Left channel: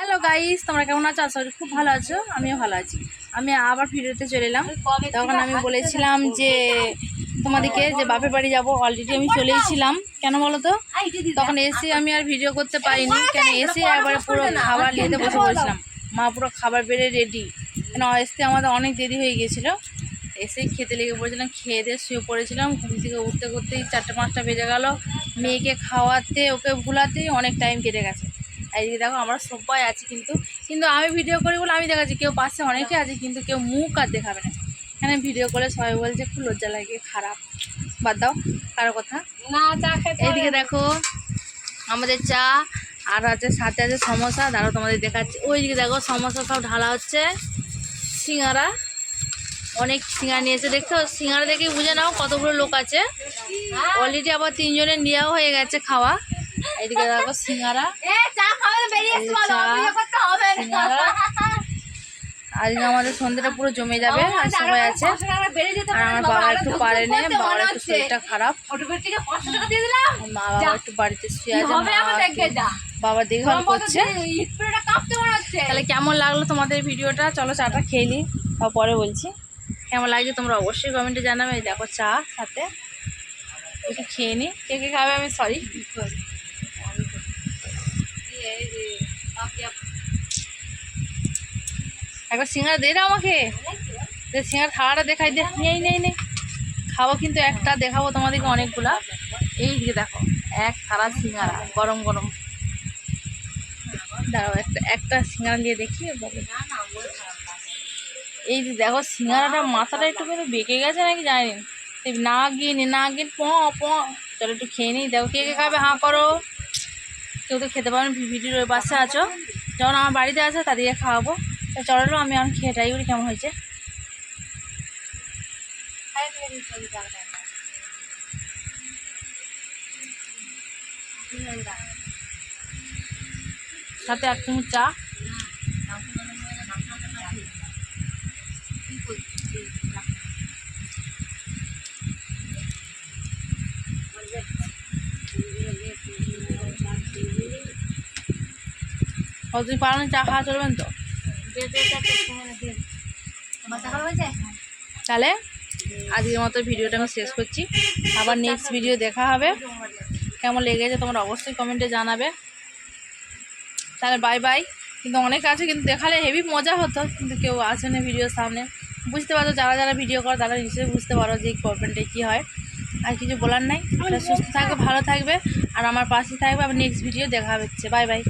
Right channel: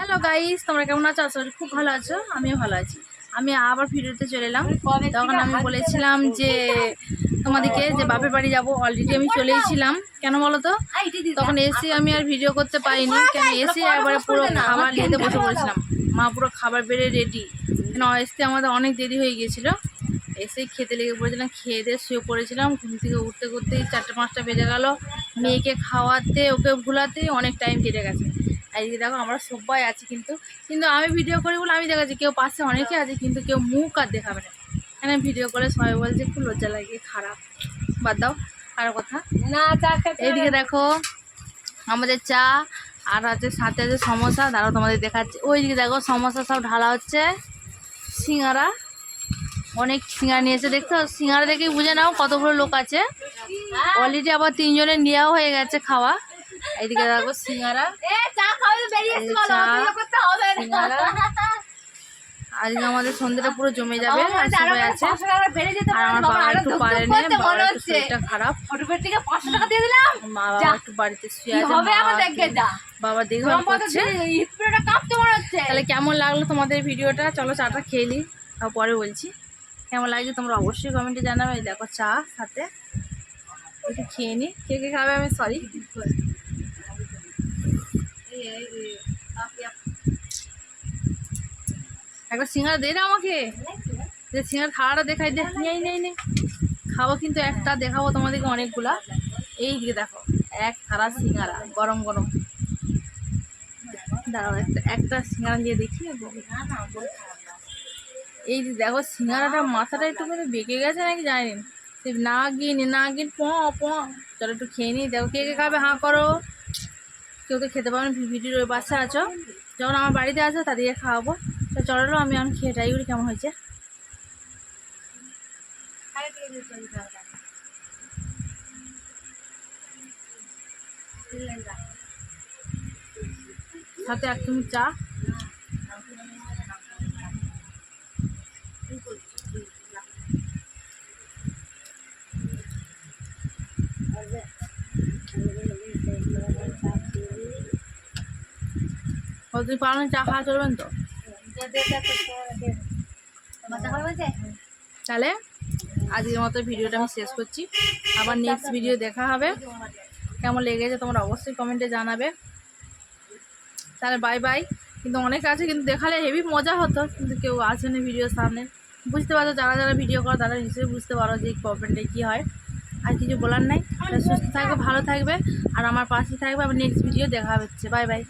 Hello guys, তোমরা কেমন আছো? আশা করি খুব ভালো আছো। আমিও ভালো আছি। আমি আবার ভিডিওতে চলে এলাম। তখন আমি বলেছিলাম যে তোমাদেরকে যে বাপের বাড়ি যাবো, অলরেডি আমি চলেইছিলাম। কেন বলো তো, তখন এসে আমি আর ভিডিও করতে পারিনি। কেন এসে একবারে পুরো খাবার নিতে বসে পড়েছিলাম। মা পুরো খাবার বেড়ে রেডি, কেন আসতে আমাদের অনেক দেরি হয়ে গিয়েছিলো। এসেই খেতে লেগে পড়েছিলাম, খেয়ে দিয়ে শুয়ে পড়েছিলাম। ঘুম থেকে উঠতে করতেই 4টা-5টা বেজে গেল। মেয়েকে খাওয়াতে ওকে ভুলাতেই অনেক টাইম কেটে গেছে। এইদিকে দেখো আমরা সবাই আছি, কিন্তু আমি ভিডিও করি বলে আমি দেখাচ্ছি। কেউ পাশে অনেকে আছে, কিন্তু কেউ মুখ আর দেখাবে না। এখানে ভিডিও করে সবাই বলছে খুব লজ্জা লাগে, খারাপ। বাদ দাও কারো কথা না। চা খেতে এইদিকে দেখো আমাদের চা আর আছে, সাথে আছে সমোসা। দাঁড়াও তোমাদের দেখাচ্ছি। ওইদিকে দেখো সমোসা সব ঢালা হচ্ছে। সিঙ্গারা, অনেক সিঙ্গারা নিয়েছে, দেখছো? সিঙ্গারা দেখেই বুঝে নাও কতগুলো লোক আছে। অলরেডি আবার 3 জনের নেওয়া হয়ে গেছে খাওয়া। এইদিকে দেখো সিঙ্গারা, আজকে আমাদের সন্ধ্যাটা পুরো জমে যাবে। আর সবাই আছে, আর আমার বাবা একটু পারেনি, বাবার একটু শরীরটা খারাপ। বাবা একটু বাড়িতে শুয়ে আছে, বাবা দেখভাল করছে। তাহলে কেমন লাগলো তোমাদের ভিডিওটা? চলো চাটা খেয়ে নিই, তারপরে বলছি কেমন লাগছে। তোমরা অবশ্যই কমেন্টে জানাবে। দেখো চা সাথে একটু খেয়ে নিই। কে কে খাবে আমি সরি। একবার সিঙ্গারা দে না আমাকে, সিঙ্গারা থালাটা দেখাই দে। নেই খাবো, কিন্তু একটা দেখাবো তোমাদেরকে অনেকগুলা। এই দিকে দেখো এক থালা সিঙ্গারা গরম গরম। দাঁড়াও একটা সিঙ্গারা দিয়ে দেখি। এই দেখো সিঙ্গারাটা মাথাটা একটু কিন্তু বেঁকে গেছে নাকি জানি না, গিন চলো একটু খেয়ে নিই। দেখো কে কে খাবে হাঁ করো। কেউ তো খেতে পারো, ভিডিওর ওই পাশে আছো। যখন আমার বাড়িতে আছে তাদেরকে খাওয়াবো। তো চলো আমি খেয়ে ট্রাই করি কেমন হয়েছে। সাথে 1 চামচ চা। তুমি পারো না চা খাওয়া চলবেন তো? তাহলে আজকের মতো ভিডিওটা আমি শেষ করছি। আবার নেক্সট ভিডিও দেখা হবে। কেমন লেগেছে তোমরা অবশ্যই কমেন্টে জানাবে। তাহলে বাই বাই। কিন্তু অনেক আছে, কিন্তু দেখালে হেভি মজা হতো, কিন্তু কেউ আসে না ভিডিওর সামনে। বুঝতে পারছো, যারা ভিডিও করো তারা নিশ্চয়ই বুঝতে পারো যে প্রবলেমটা কী হয়। আর কিছু বলার নাই। সুস্থ থাকবে, ভালো থাকবে, আর আমার পাশে থাকবে। আবার নেক্সট ভিডিও দেখা হচ্ছে। Bye bye.